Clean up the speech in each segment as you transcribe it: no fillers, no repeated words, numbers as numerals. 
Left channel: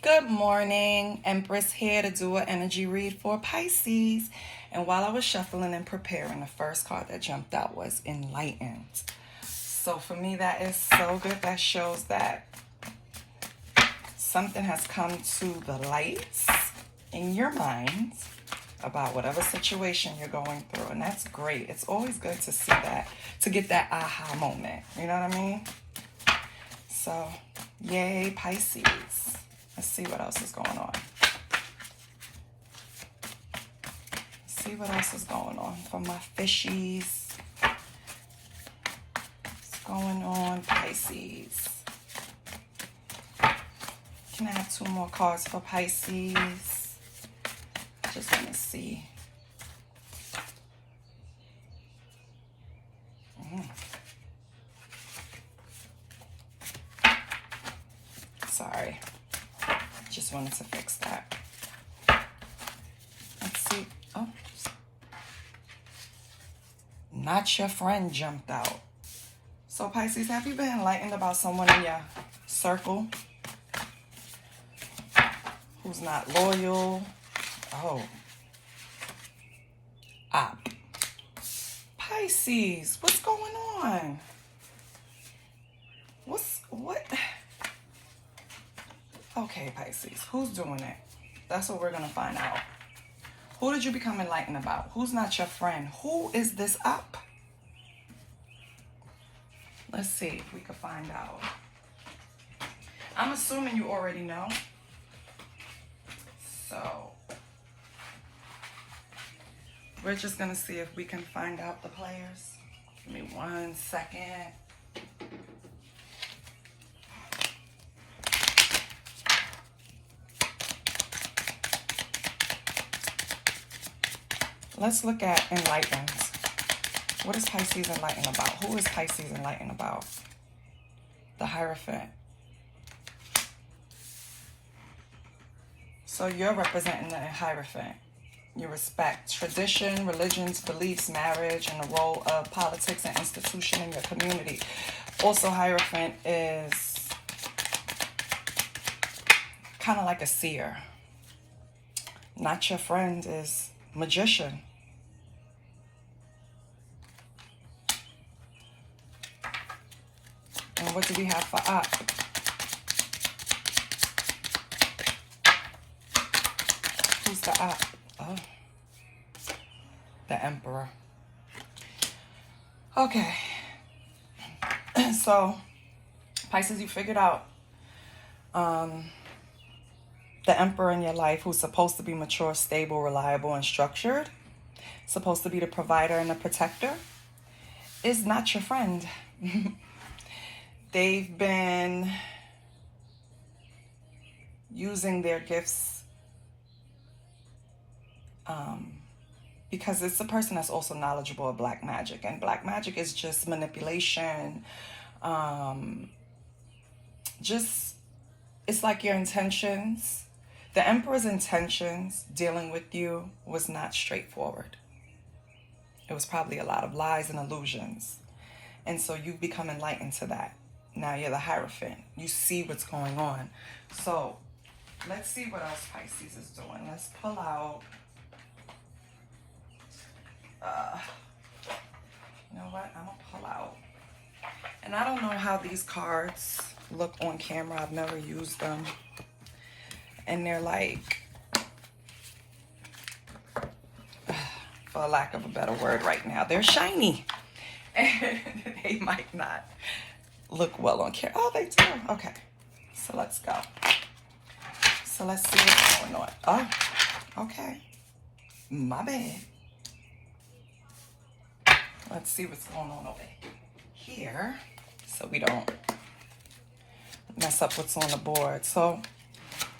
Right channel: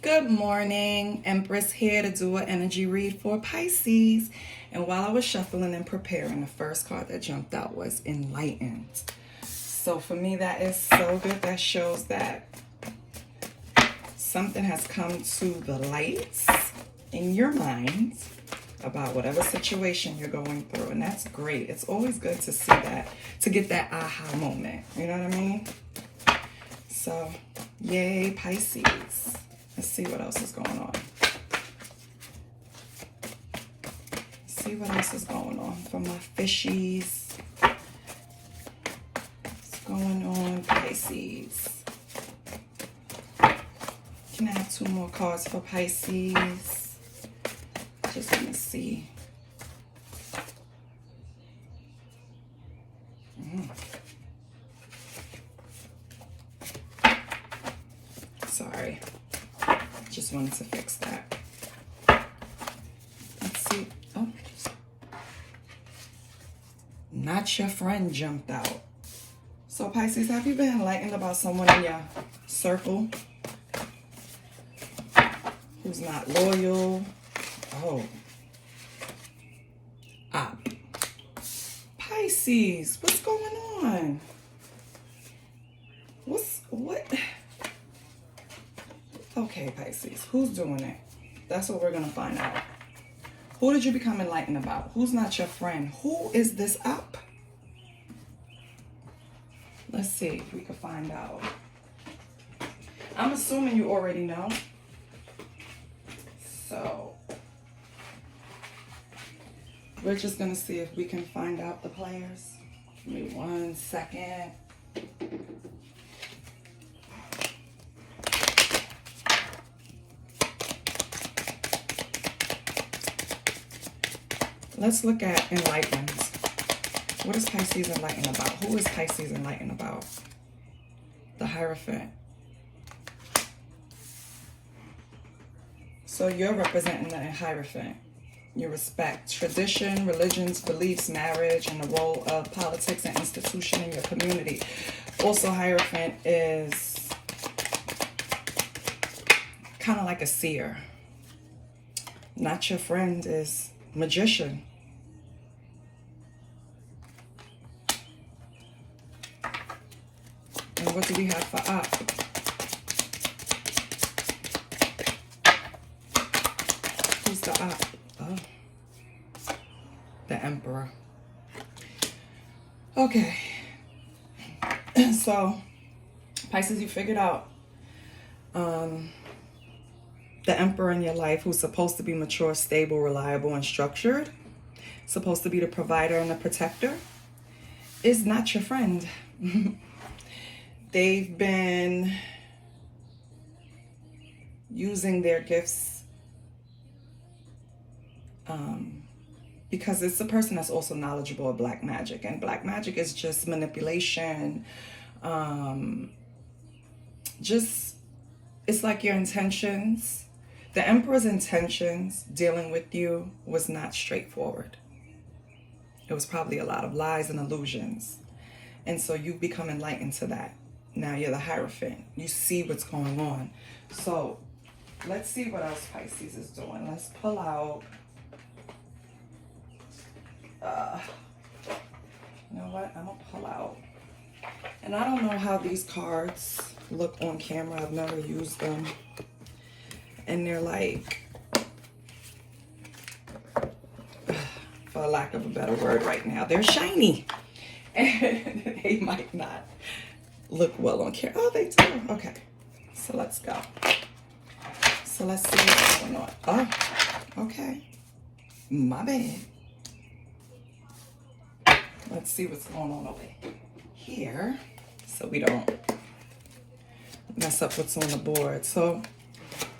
Good morning, Empress here to do an energy read for Pisces. And while I was shuffling and preparing, the first card that jumped out was enlightened. So for me, that is so good. That shows that something has come to the light in your mind about whatever situation you're going through. And that's great. It's always good to see that, to get that aha moment. You know what I mean? So, yay, Pisces. Let's see what else is going on. See what else is going on for my fishies. What's going on, Pisces? Can I have two more cards for Pisces? Just want to see. Sorry. Just wanted to fix that. Let's see. Oh. Not your friend jumped out. So Pisces, have you been enlightened about someone in your circle who's not loyal? Oh. Pisces, what's going on? What? Okay, Pisces, who's doing it? That's what we're going to find out. Who did you become enlightened about? Who's not your friend? Who is this up? Let's see if we can find out. I'm assuming you already know. So, we're just going to see if we can find out the players. Give me 1 second. Let's look at enlightened. What is Pisces enlightened about? Who is Pisces enlightened about? The Hierophant. So you're representing the Hierophant. You respect tradition, religions, beliefs, marriage, and the role of politics and institution in your community. Also, Hierophant is kind of like a seer. Not your friend is magician. And what do we have for up? Who's the up? Oh, the Emperor. Okay. So, Pisces, you figured out the Emperor in your life, who's supposed to be mature, stable, reliable, and structured, supposed to be the provider and the protector, is not your friend. They've been using their gifts because it's a person that's also knowledgeable of black magic. And black magic is just manipulation. It's like your intentions. The Emperor's intentions dealing with you was not straightforward. It was probably a lot of lies and illusions. And so you've become enlightened to that. Now you're the Hierophant. You see what's going on. So let's see what else Pisces is doing. Let's pull out. You know what? I'm going to pull out. And I don't know how these cards look on camera. I've never used them. And they're like, for lack of a better word right now, they're shiny. And they might not look well on camera. Oh, they do. Okay. So let's go. So let's see what's going on. Oh, okay. My bad. Let's see what's going on over here so we don't mess up what's on the board. So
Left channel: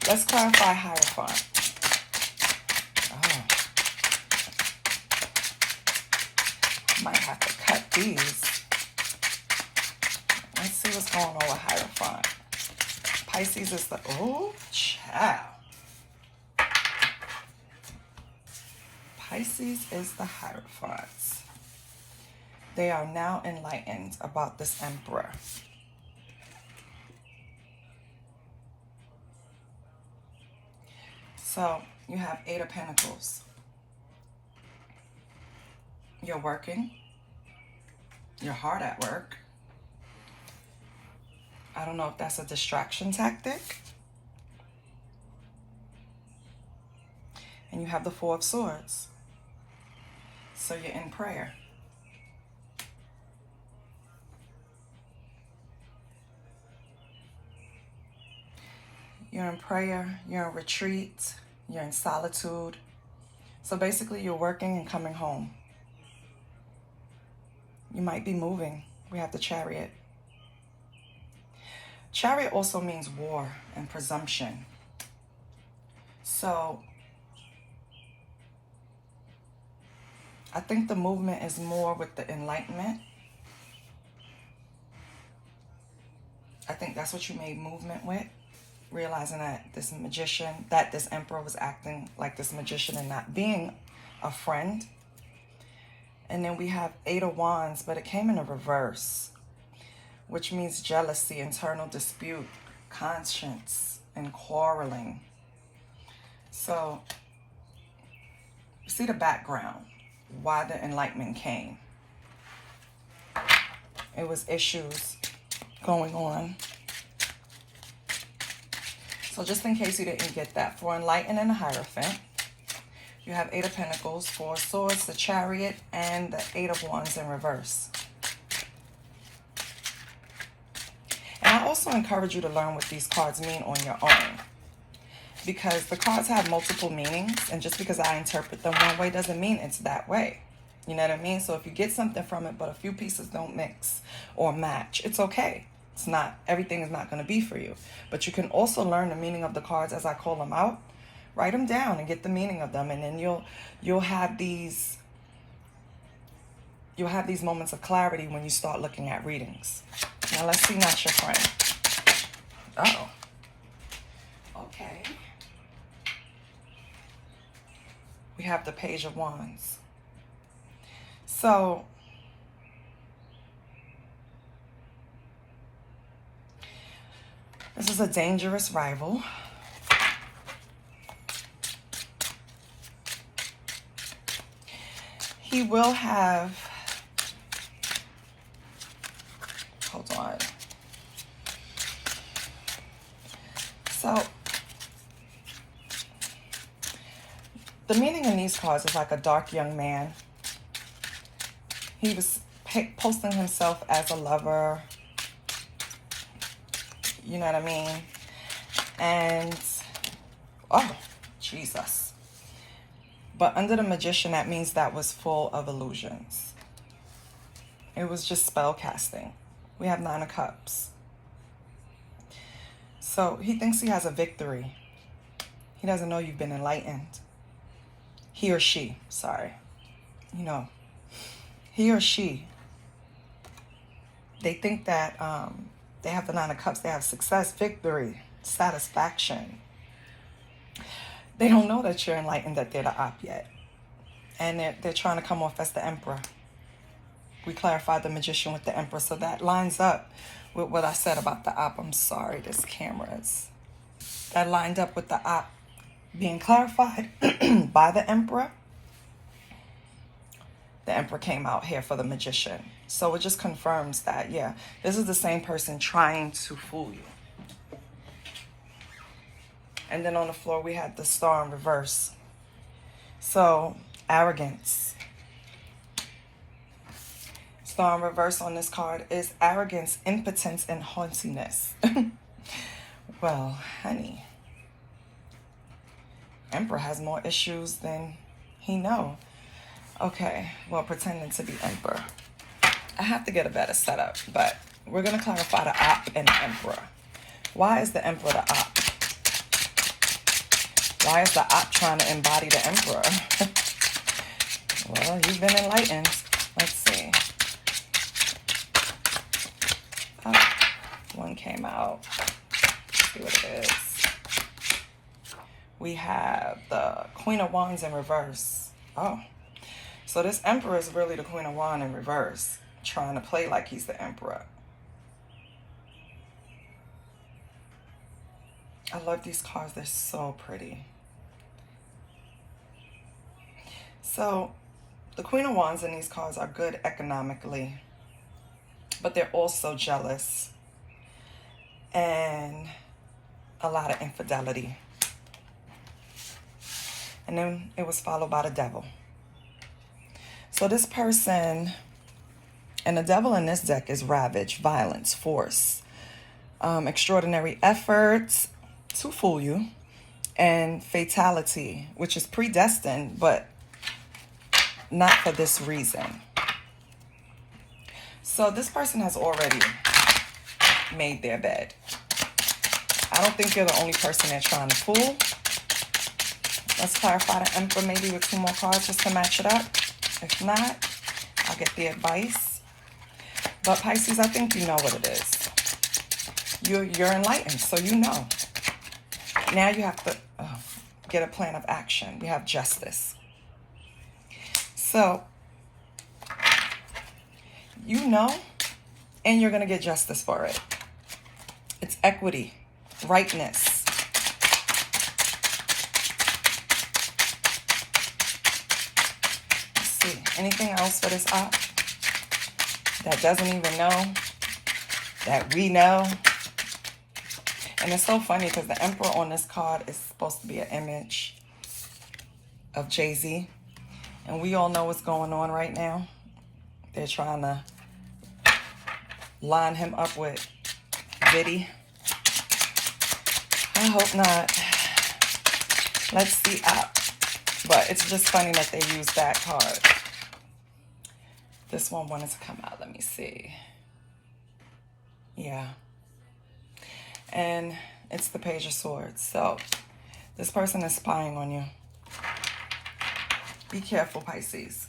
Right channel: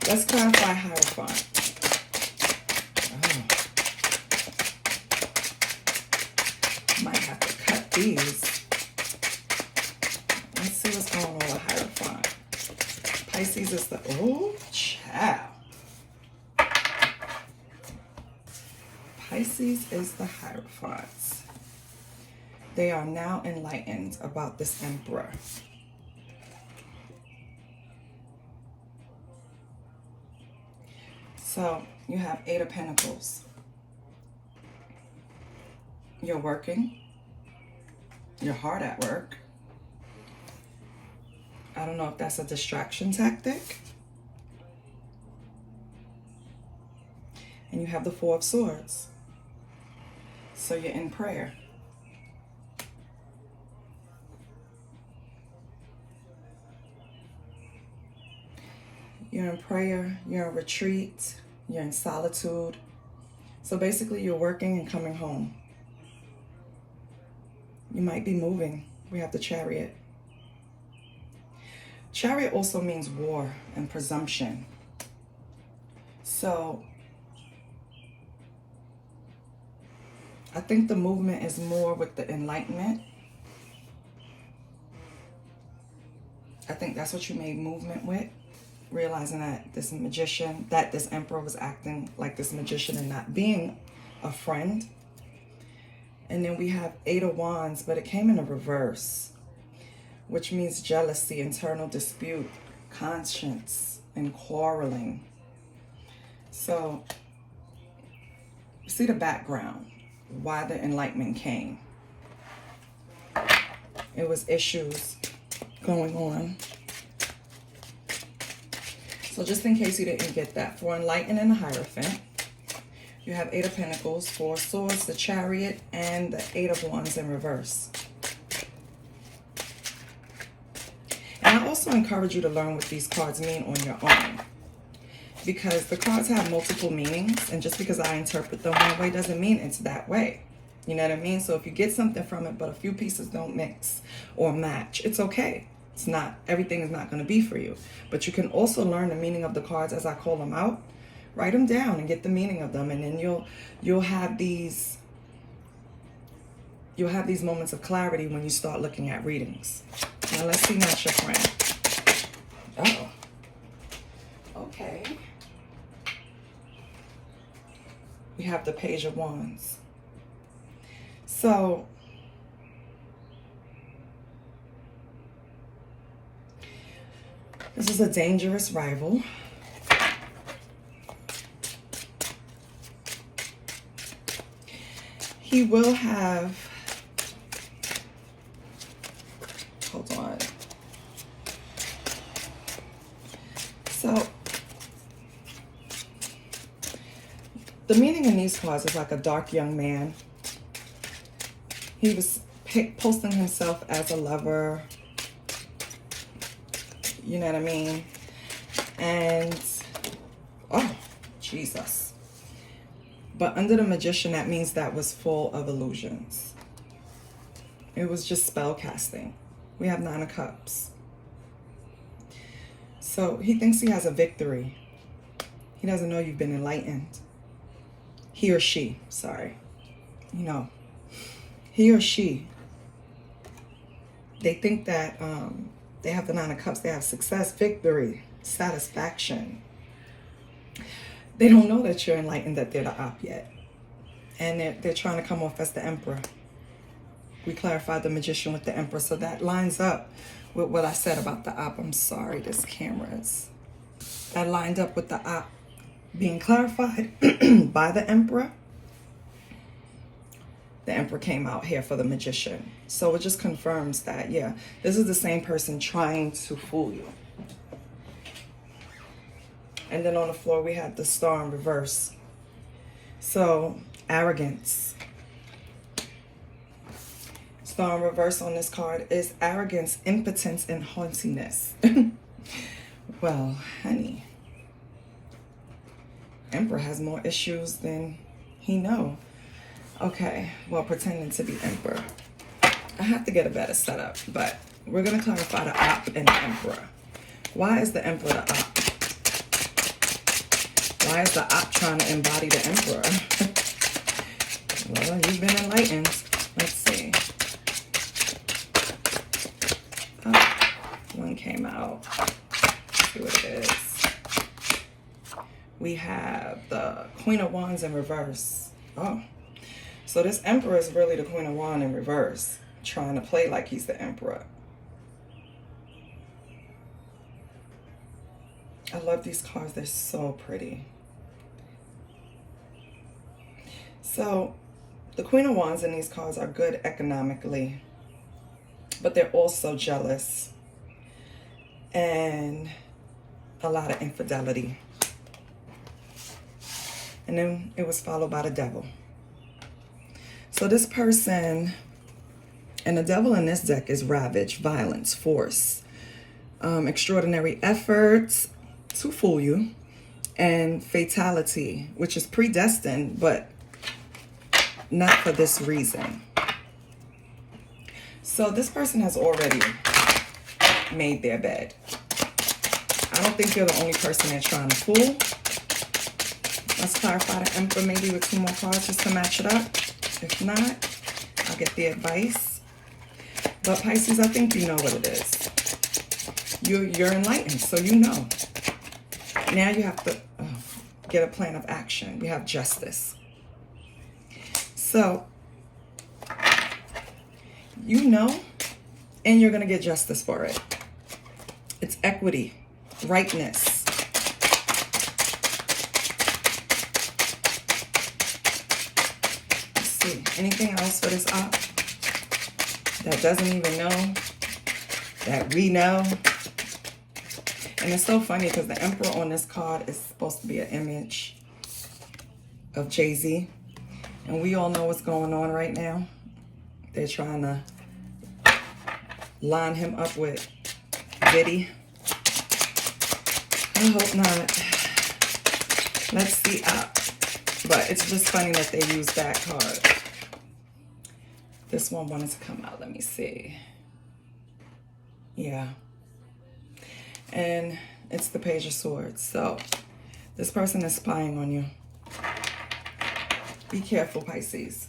let's clarify Hierophant. Oh. Might have to cut these. Let's see what's going on with Hierophant. Pisces is the, oh, child. Pisces is the Hierophant. They are now enlightened about this Emperor. So you have Eight of Pentacles. You're working. You're hard at work. I don't know if that's a distraction tactic. And you have the Four of Swords. So you're in prayer. You're in prayer, you're in retreat, you're in solitude. So basically you're working and coming home. You might be moving. We have the Chariot. Chariot also means war and presumption. So I think the movement is more with the enlightenment. I think that's what you made movement with. Realizing that this magician, that this emperor was acting like this magician and not being a friend. And then we have Eight of Wands, but it came in a reverse, which means jealousy, internal dispute, conscience, and quarreling. So, see the background, why the enlightenment came. It was issues going on. So just in case you didn't get that, for enlightened and the Hierophant, you have Eight of Pentacles, Four of Swords, the Chariot, and the Eight of Wands in reverse. And I also encourage you to learn what these cards mean on your own, because the cards have multiple meanings, and just because I interpret them one way doesn't mean it's that way. You know what I mean? So if you get something from it, but a few pieces don't mix or match, it's okay. It's not, everything is not going to be for you. But you can also learn the meaning of the cards as I call them out. Write them down and get the meaning of them, and then you'll have these moments of clarity when you start looking at readings. Now let's see, match your friend. Oh, okay. We have the Page of Wands. So this is a dangerous rival. He will have, hold on. So the meaning in these cards is like a dark young man. He was posting himself as a lover. You know what I mean? And, oh, Jesus. But under the Magician, that means that was full of illusions. It was just spell casting. We have Nine of Cups. So he thinks he has a victory. He doesn't know you've been enlightened. He or she, sorry. You know, he or she, they think that they have the Nine of Cups. They have success, victory, satisfaction. They don't know that you're enlightened, that they're the op yet. And they're trying to come off as the Emperor. We clarified the Magician with the Emperor, so that lines up with what I said about the op. I'm sorry, this camera is. That lined up with the op being clarified by the Emperor. The Emperor came out here for the Magician. So it just confirms that, yeah, this is the same person trying to fool you. And then on the floor, we had the Star in reverse. So, arrogance. Star in reverse on this card is arrogance, impotence, and haughtiness. Well, honey, Emperor has more issues than he know. Okay, well, pretending to be Emperor. I have to get a better setup, but we're going to clarify the op and the Emperor. Why is the Emperor the op? Why is the op trying to embody the Emperor? Well, you've been enlightened. Let's see. Oh, one came out. Let's see what it is. We have the Queen of Wands in reverse. Oh, so this Emperor is really the Queen of Wands in reverse, trying to play like he's the Emperor. I love these cards. They're so pretty. So the Queen of Wands in these cards are good economically, but they're also jealous and a lot of infidelity. And then it was followed by the Devil. So this person, and the Devil in this deck is ravage, violence, force, extraordinary efforts to fool you, and fatality, which is predestined, but not for this reason. So this person has already made their bed. I don't think you're the only person they're trying to fool. Let's clarify the Emperor maybe with 2 more cards just to match it up. If not, I'll get the advice. But Pisces, I think you know what it is. You're enlightened, so you know. Now you have to get a plan of action. You have justice. So, you know, and you're going to get justice for it. It's equity, rightness. Anything else for this up that doesn't even know that we know? And it's so funny because the Emperor on this card is supposed to be an image of Jay-Z, and we all know what's going on right now. They're trying to line him up with Diddy. I hope not. Let's see up. But it's just funny that they use that card. This one wanted to come out. Let me see. Yeah. And it's the Page of Swords. So this person is spying on you. Be careful, Pisces.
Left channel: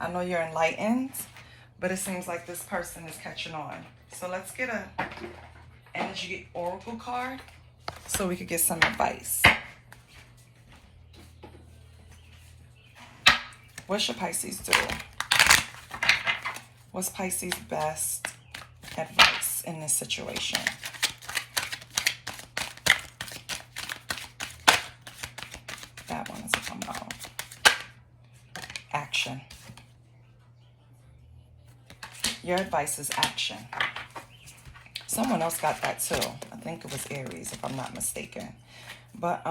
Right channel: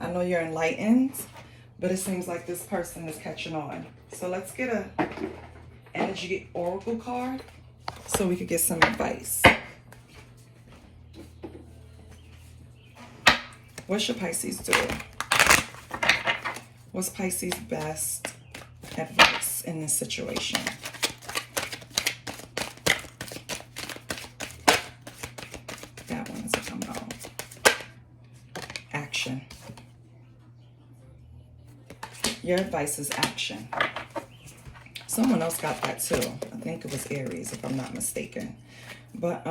I know you're enlightened, but it seems like this person is catching on. So let's get a energy oracle card so we could get some advice. What should Pisces do? What's Pisces' best advice in this situation? That one is come out. Action. Your advice is action. Someone else got that too. I think it was Aries, if I'm not mistaken. But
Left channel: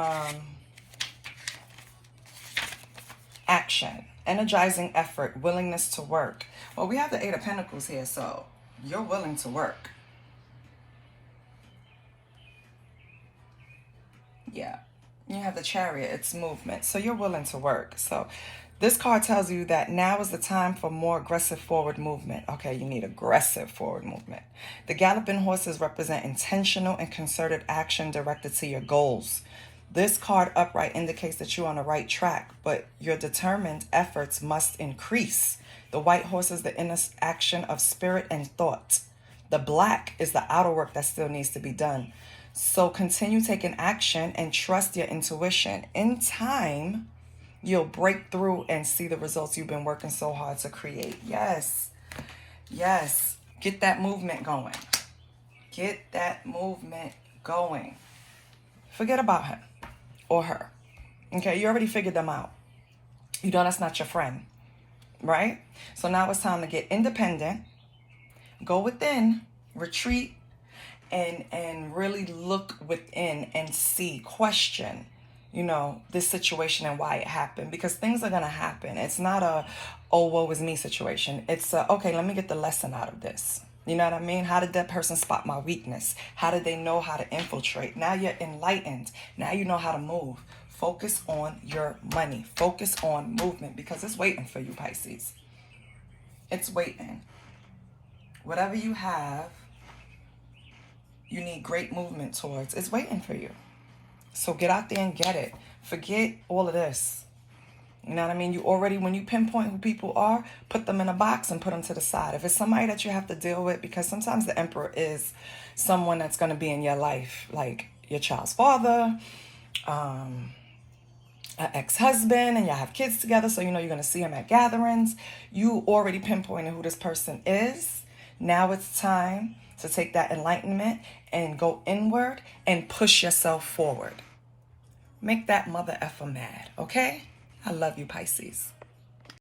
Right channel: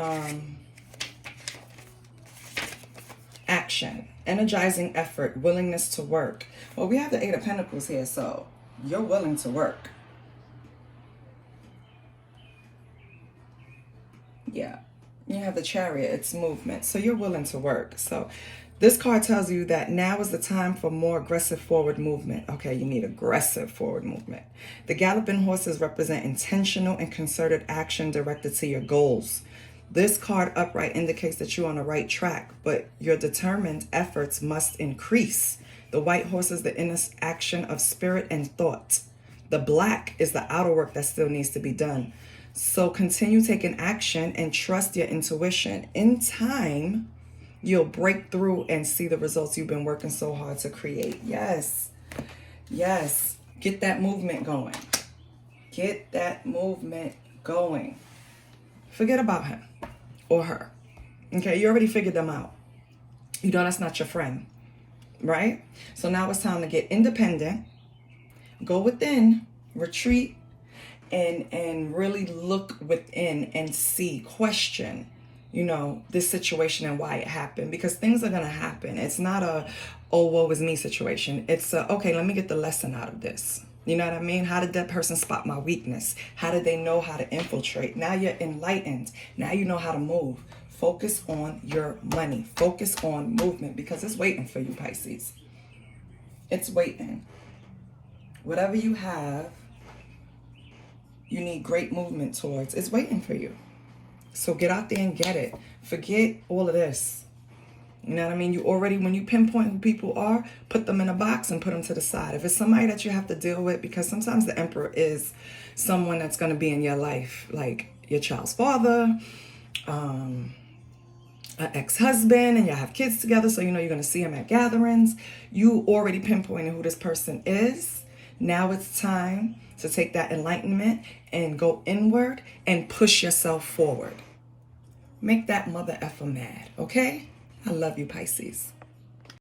action, energizing effort, willingness to work. Well, we have the 8 of Pentacles here, so you're willing to work. Yeah. You have the Chariot, it's movement. So you're willing to work. So this card tells you that now is the time for more aggressive forward movement. Okay, you need aggressive forward movement. The galloping horses represent intentional and concerted action directed to your goals. This card upright indicates that you're on the right track, but your determined efforts must increase. The white horse is the inner action of spirit and thought. The black is the outer work that still needs to be done. So continue taking action and trust your intuition. In time, you'll break through and see the results you've been working so hard to create. Yes. Yes. Get that movement going. Get that movement going. Forget about him or her. Okay, you already figured them out. You know that's not your friend, right? So now it's time to get independent, go within, retreat, and really look within and see, question, you know, this situation and why it happened. Because things are going to happen. It's not a, oh, woe is me situation. It's a, okay, let me get the lesson out of this. You know what I mean? How did that person spot my weakness? How did they know how to infiltrate? Now you're enlightened. Now you know how to move. Focus on your money. Focus on movement because it's waiting for you, Pisces. It's waiting. Whatever you have, you need great movement towards. It's waiting for you. So get out there and get it. Forget all of this. You know what I mean? You already, when you pinpoint who people are, put them in a box and put them to the side. If it's somebody that you have to deal with, because sometimes the Emperor is someone that's going to be in your life, like your child's father, an ex-husband, and y'all have kids together, so you know you're going to see him at gatherings. You already pinpointed who this person is. Now it's time to take that enlightenment and go inward and push yourself forward. Make that mother effer mad, okay? I love you, Pisces.